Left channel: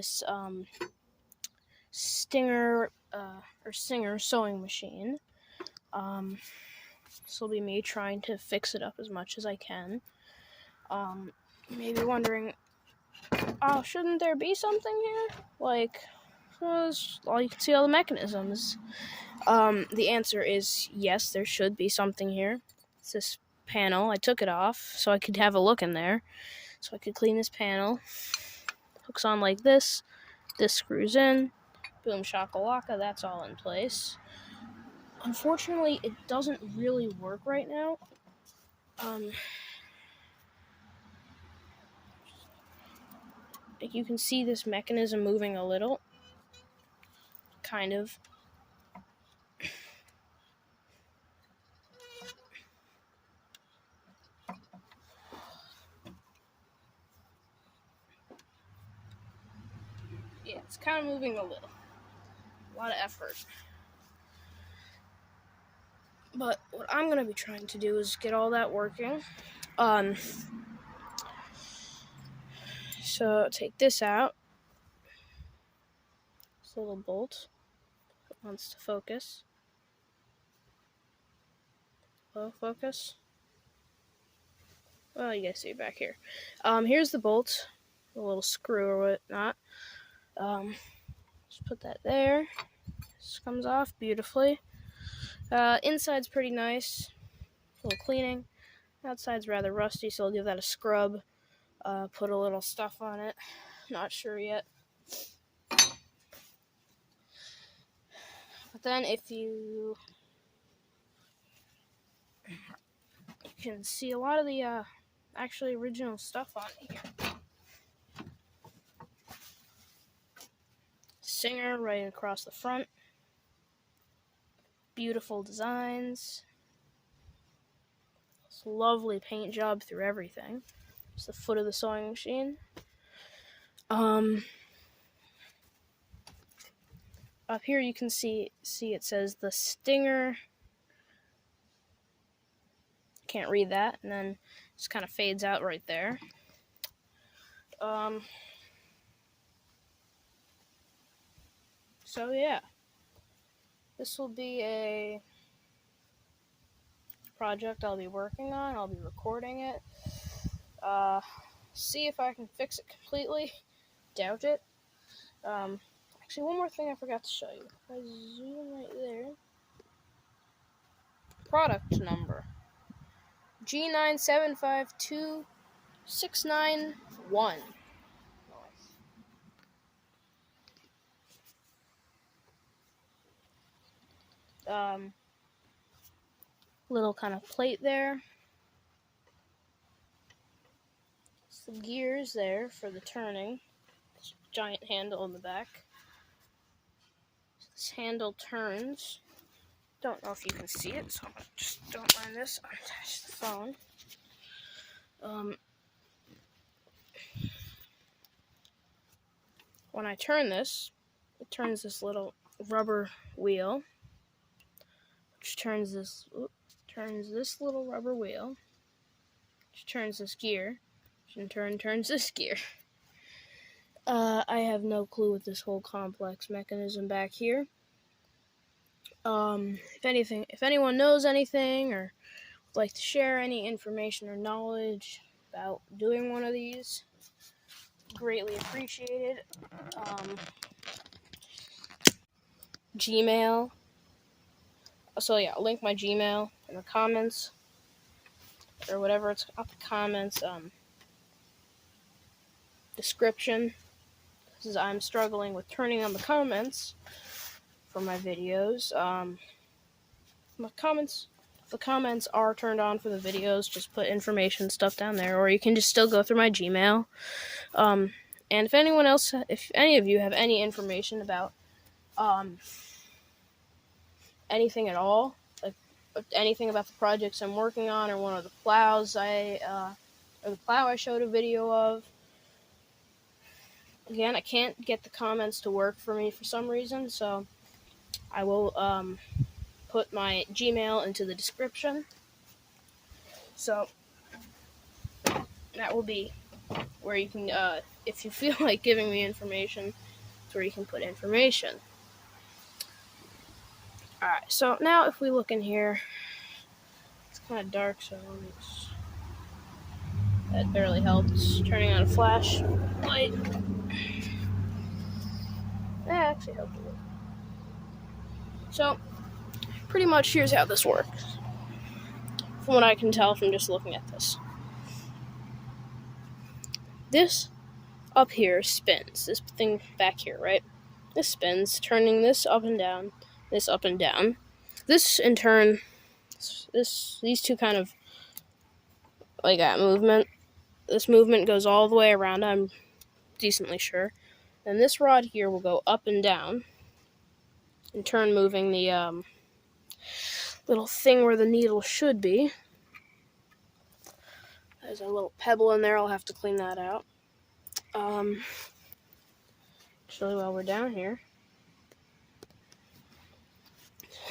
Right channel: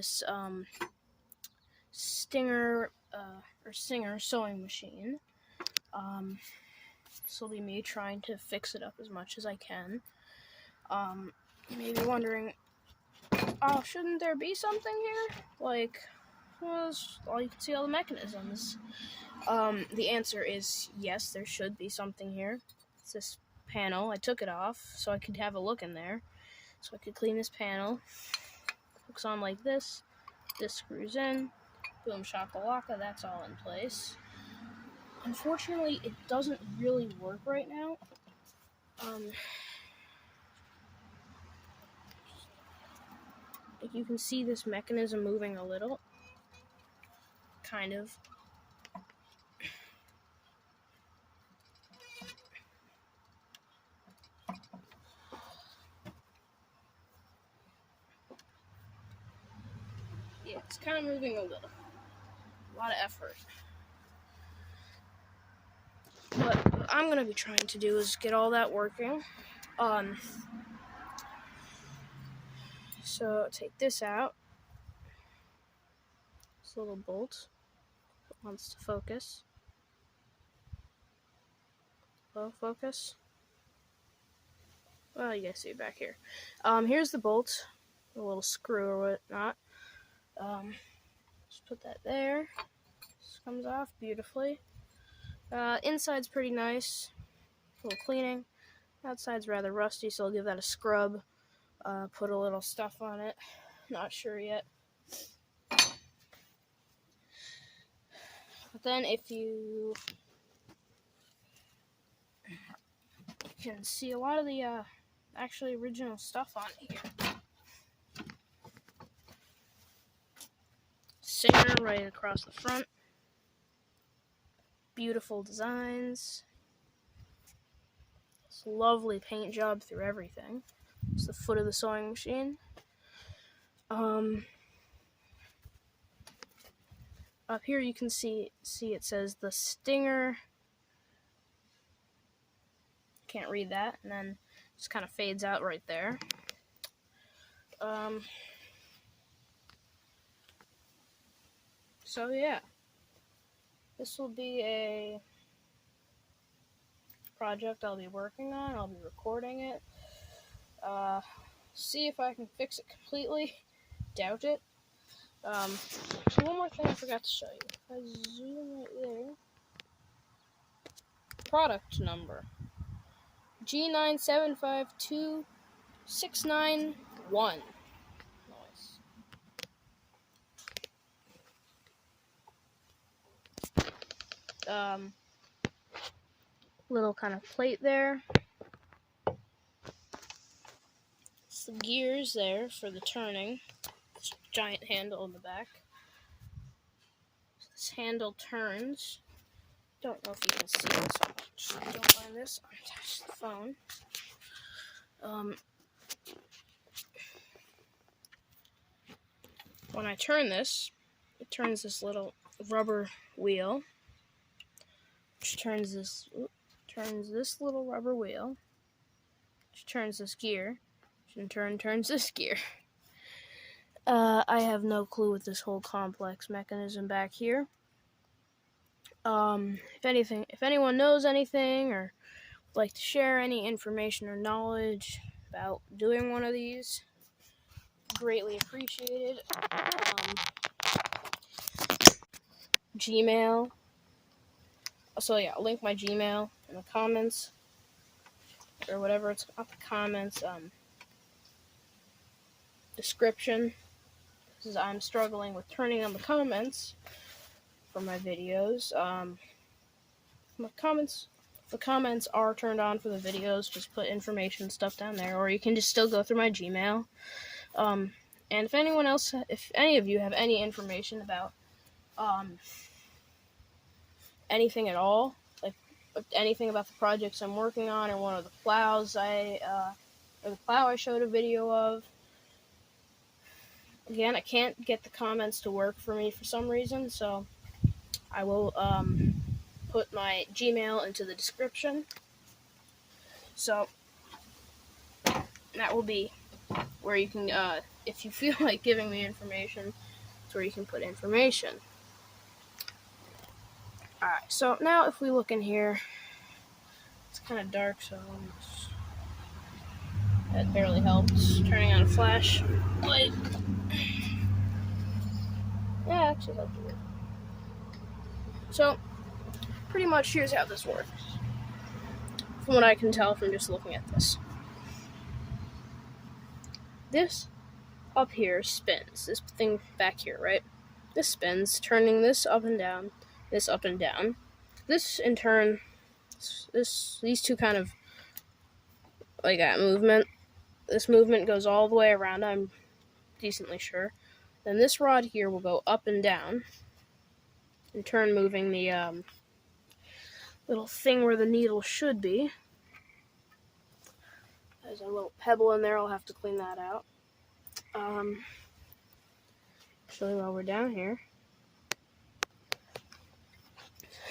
this Stinger or Singer sewing machine. This will be me trying to fix it up as much as I can. Maybe wondering, oh, shouldn't there be something here? Like, you can see all the mechanisms. The answer is yes, there should be something here. It's this panel. I took it off so I could have a look in there. So I could clean this panel. Hooks on like this. This screws in. Boom shakalaka, that's all in place. Unfortunately, it doesn't really work right now. You can see this mechanism moving a little. Kind of. Yeah, it's kind of moving a little. A lot of effort. But what I'm going to be trying to do is get all that working. So take this out. This little bolt. It wants to focus. Hello, focus. Well, you guys see it back here. Here's the bolt. A little screw or whatnot. Just put that there. This comes off beautifully. Inside's pretty nice. A little cleaning. Outside's rather rusty, so I'll give that a scrub. Put a little stuff on it. Not sure yet. But then if you can see a lot of the actually original stuff on here. Singer right across the front. Beautiful designs. This lovely paint job through everything. It's the foot of the sewing machine. Up here you can see it says the Stinger. Can't read that, and then it just kind of fades out right there. So yeah, this will be a project I'll be working on. I'll be recording it. See if I can fix it completely. Doubt it. So one more thing I forgot to show you. If I zoom right there. Product number. G9752691. Nice. Little kind of plate there. Some gears there for the turning. This giant handle in the back. This handle turns. Don't know if you can see it, so I just don't mind this. Unattach the phone. When I turn this, it turns this little rubber wheel, which turns this little rubber wheel, which turns this gear, which in turn turns this gear. I have no clue with this whole complex mechanism back here. If anyone knows anything or would like to share any information or knowledge about doing one of these, greatly appreciated. Gmail. So yeah, I'll link my Gmail in the comments or whatever it's up the comments description. Because I'm struggling with turning on the comments for my videos. The comments are turned on for the videos. Just put information stuff down there, or you can just still go through my Gmail. And if any of you have any information about anything at all, like anything about the projects I'm working on, or one of the plows or the plow I showed a video of. Again, I can't get the comments to work for me for some reason, so I will put my Gmail into the description. So that will be where you can, if you feel like giving me information, it's where you can put information. Alright, so now if we look in here, it's kind of dark, so that barely helps. Turning on a flashlight. That actually helped a bit. So, pretty much here's how this works. From what I can tell from just looking at this. This up here spins. This thing back here, right? This spins, turning this up and down, this up and down. This, in turn, these two kind of, like that movement. This movement goes all the way around, I'm decently sure. Then this rod here will go up and down, in turn moving the little thing where the needle should be. There's a little pebble in there, I'll have to clean that out. So while we're down here,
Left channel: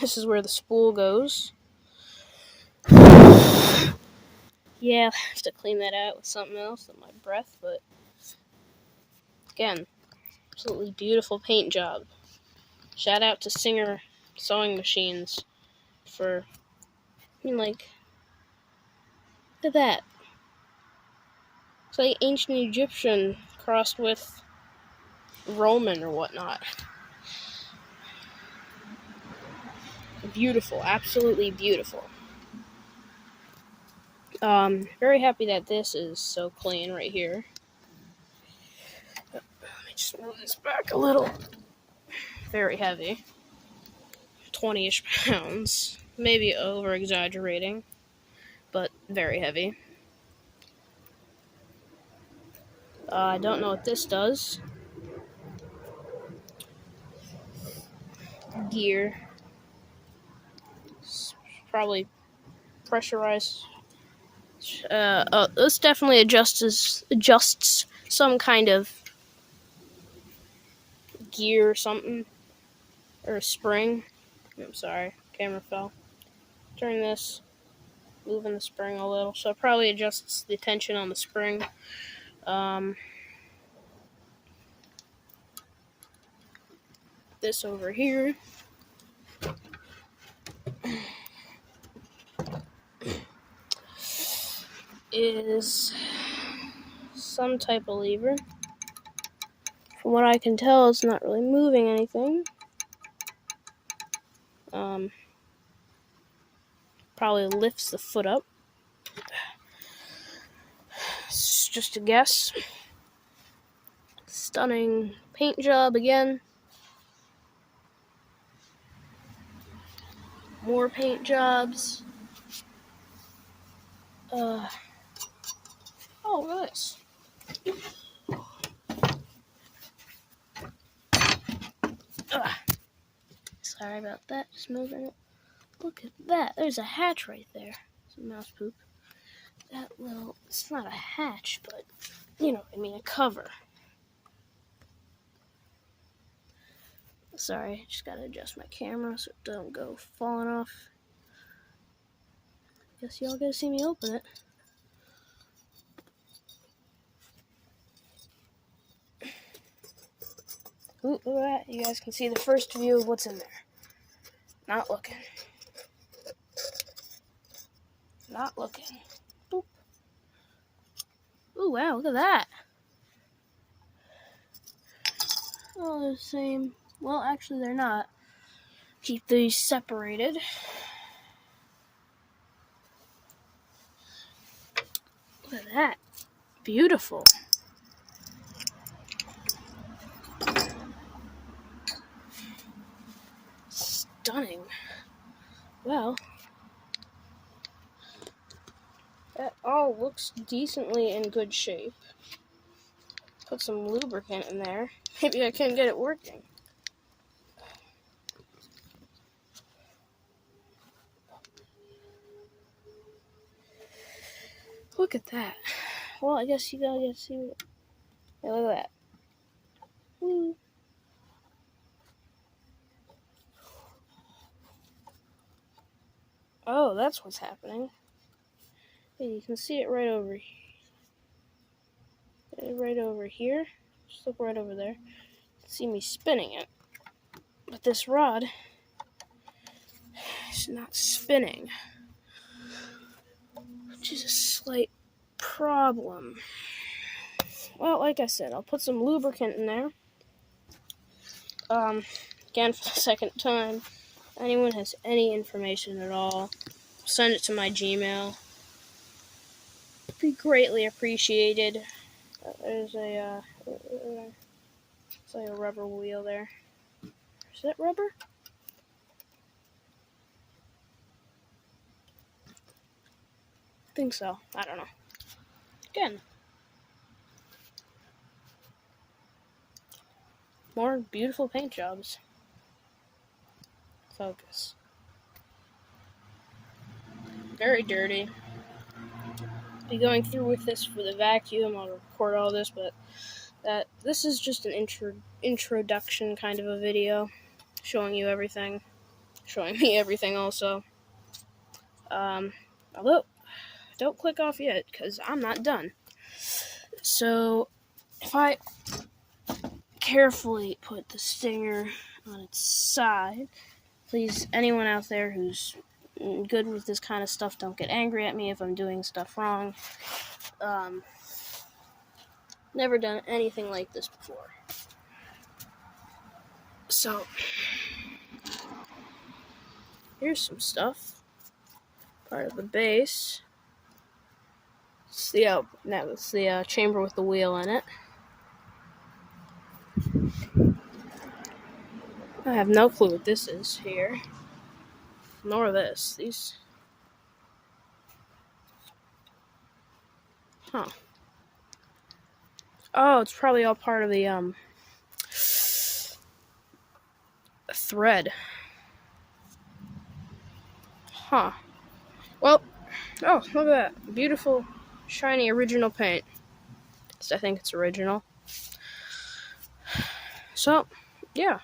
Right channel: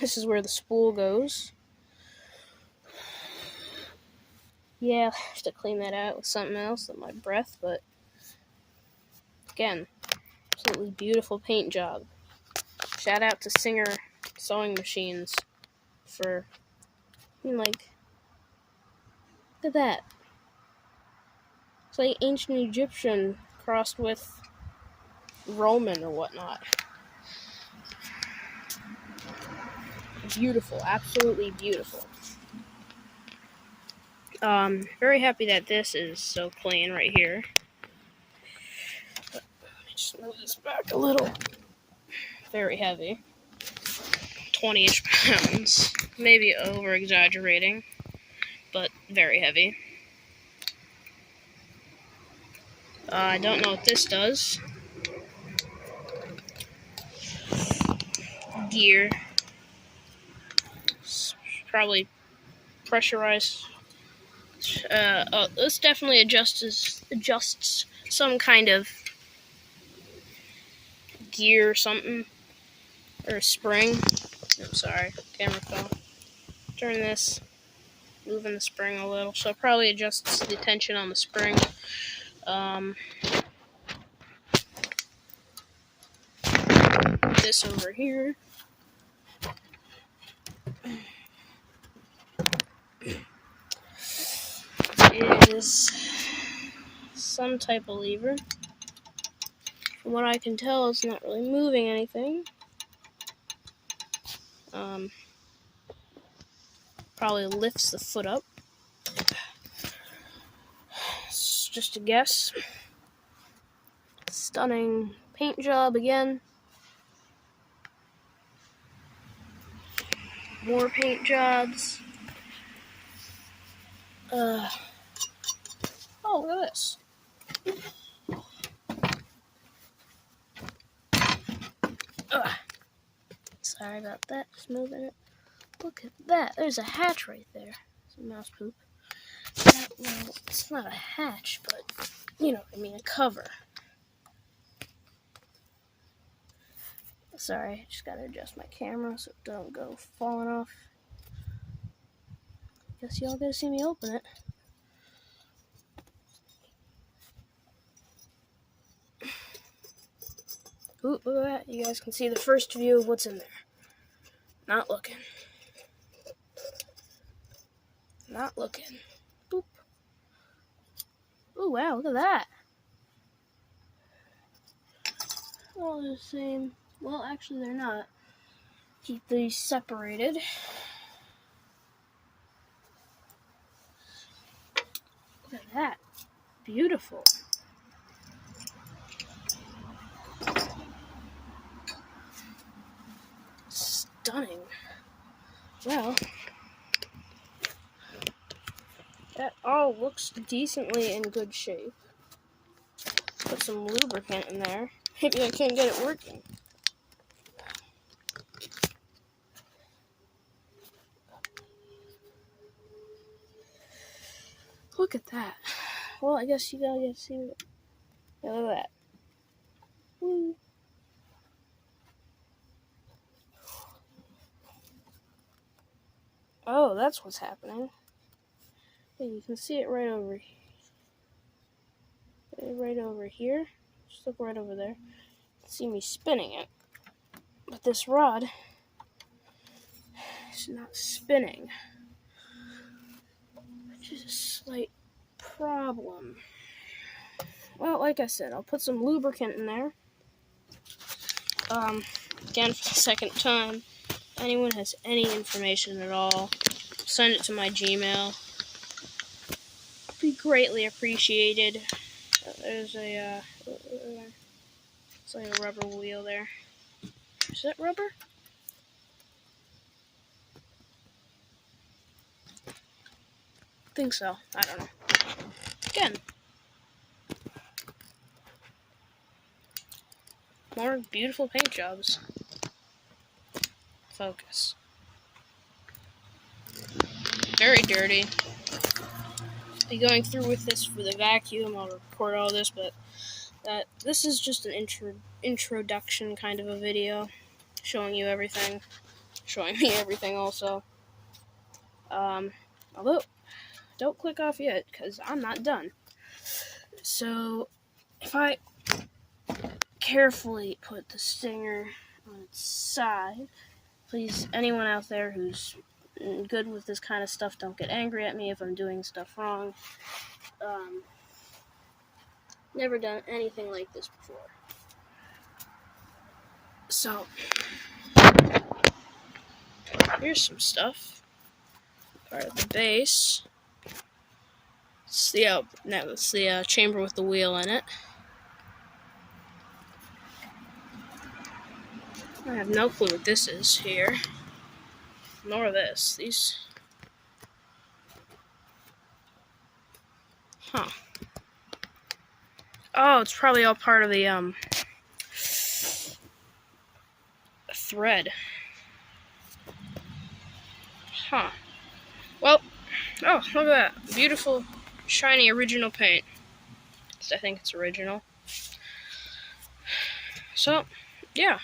this is where the spool goes. Yeah, I have to clean that out with something else than my breath, but again, absolutely beautiful paint job. Shout out to Singer Sewing Machines for, look at that. It's like ancient Egyptian crossed with Roman or whatnot. Beautiful, absolutely beautiful. Very happy that this is so clean right here. Let me just move this back a little. Very heavy. 20-ish pounds. Maybe over-exaggerating, but very heavy. I don't know what this does. Gear. Probably pressurized. This definitely adjusts some kind of gear or something. Or a spring. I'm sorry, camera fell. Turn this. Moving the spring a little. So it probably adjusts the tension on the spring. This over here. Is some type of lever. From what I can tell, it's not really moving anything. Probably lifts the foot up. It's just a guess. Stunning paint job again. More paint jobs. Oh, look at this. Sorry about that, just moving it. Look at that, there's a hatch right there. Some mouse poop. Well, it's not a hatch, but, you know what I mean, a cover. Sorry, I just gotta adjust my camera so it don't go falling off. Guess y'all gotta see me open it. Ooh, look at that. You guys can see the first view of what's in there. Not looking. Not looking. Boop. Ooh, wow, look at that. Well, they're the same. Well, actually, they're not. Keep these separated. Look at that. Beautiful. Stunning. Well, that all looks decently in good shape. Put some lubricant in there. Maybe I can get it working. Look at that. Well, I guess you gotta get to see it. Yeah, look at that. Woo. Oh, that's what's happening. Yeah, you can see it right over here. right over here. Just look right over there. See me spinning it. But this rod is not spinning, which is a slight problem. Well, like I said, I'll put some lubricant in there. Again, for the second time, anyone has any information at all, send it to my Gmail. Be greatly appreciated. There's a, it's like a rubber wheel there. Is that rubber? I think so. I don't know. Again, more beautiful paint jobs. Focus. Very dirty. Be going through with this for the vacuum. I'll record all this, but this is just an introduction kind of a video, showing you everything, showing me everything also. Although, don't click off yet, because I'm not done. So, if I carefully put the stinger on its side, please, anyone out there who's good with this kind of stuff, don't get angry at me if I'm doing stuff wrong. Never done anything like this before. So, here's some stuff. Part of the base. It's the chamber with the wheel in it. I have no clue what this is here. Nor this. These. Huh. Oh, it's probably all part of the thread. Huh. Well, oh, look at that. Beautiful, shiny original paint. I think it's original. So, yeah.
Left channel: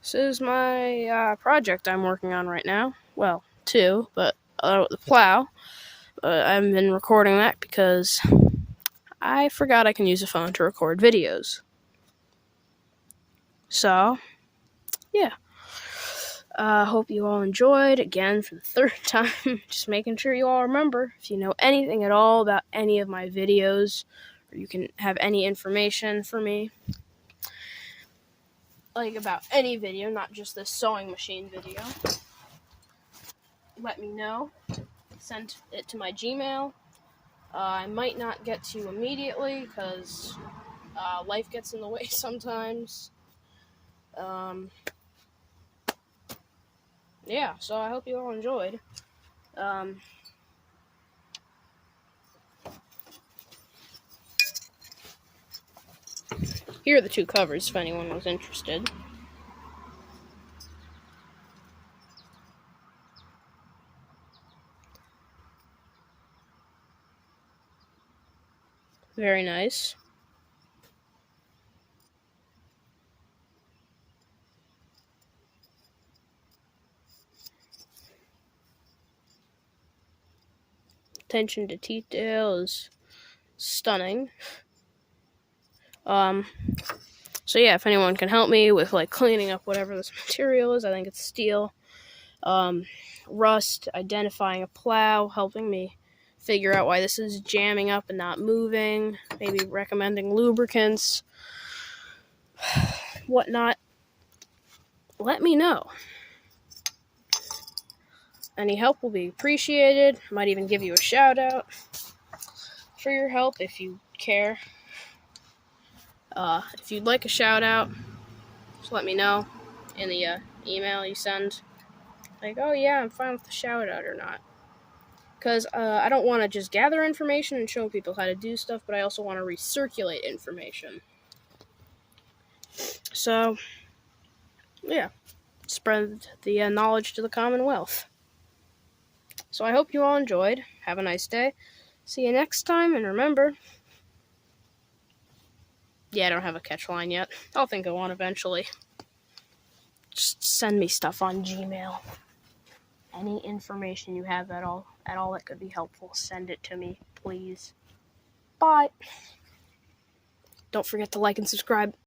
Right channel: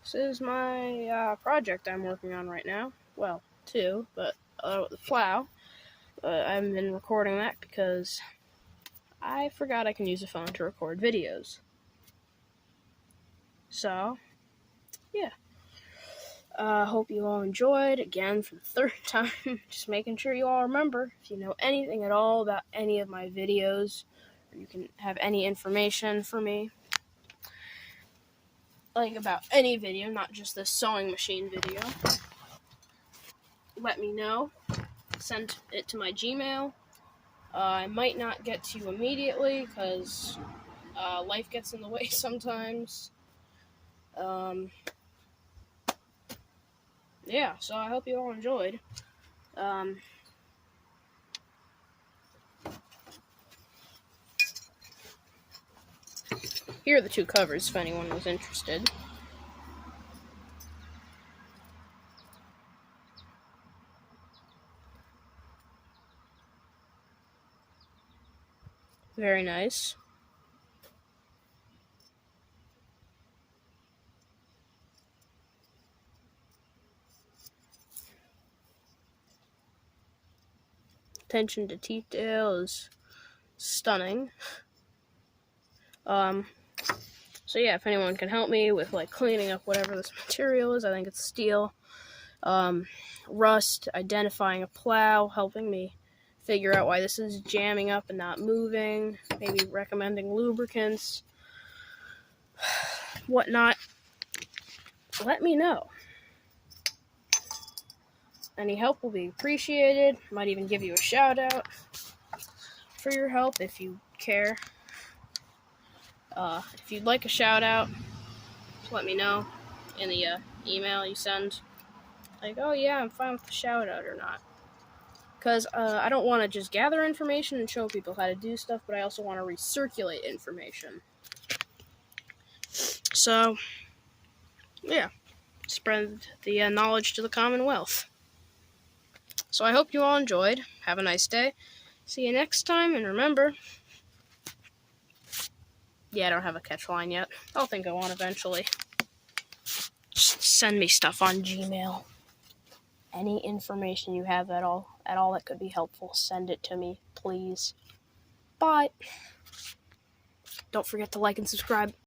This is my project I'm working on right now. Well, two, but the plow. I haven't been recording that because I forgot I can use a phone to record videos. So, yeah. Hope you all enjoyed. Again, for the third time, just making sure you all remember, if you know anything at all about any of my videos, or you can have any information for me, like about any video, not just this sewing machine video, let me know. Send it to my Gmail. I might not get to you immediately because life gets in the way sometimes. Yeah, so I hope you all enjoyed. Here are the two covers if anyone was interested. Very nice. Attention to detail is stunning. So yeah, if anyone can help me with like cleaning up whatever this material is, I think it's steel. Rust, identifying a plow, helping me figure out why this is jamming up and not moving, maybe recommending lubricants, whatnot. Let me know. Any help will be appreciated. Might even give you a shout out for your help if you care. If you'd like a shout out, just let me know in the email you send. Like, oh yeah, I'm fine with the shout out or not. Because I don't want to just gather information and show people how to do stuff, but I also want to recirculate information. So, yeah, spread the knowledge to the Commonwealth. So I hope you all enjoyed. Have a nice day. See you next time, and remember... Yeah, I don't have a catch line yet. I'll think of one eventually. Just send me stuff on Gmail. Any information you have at all that could be helpful, send it to me, please. Bye. Don't forget to like and subscribe.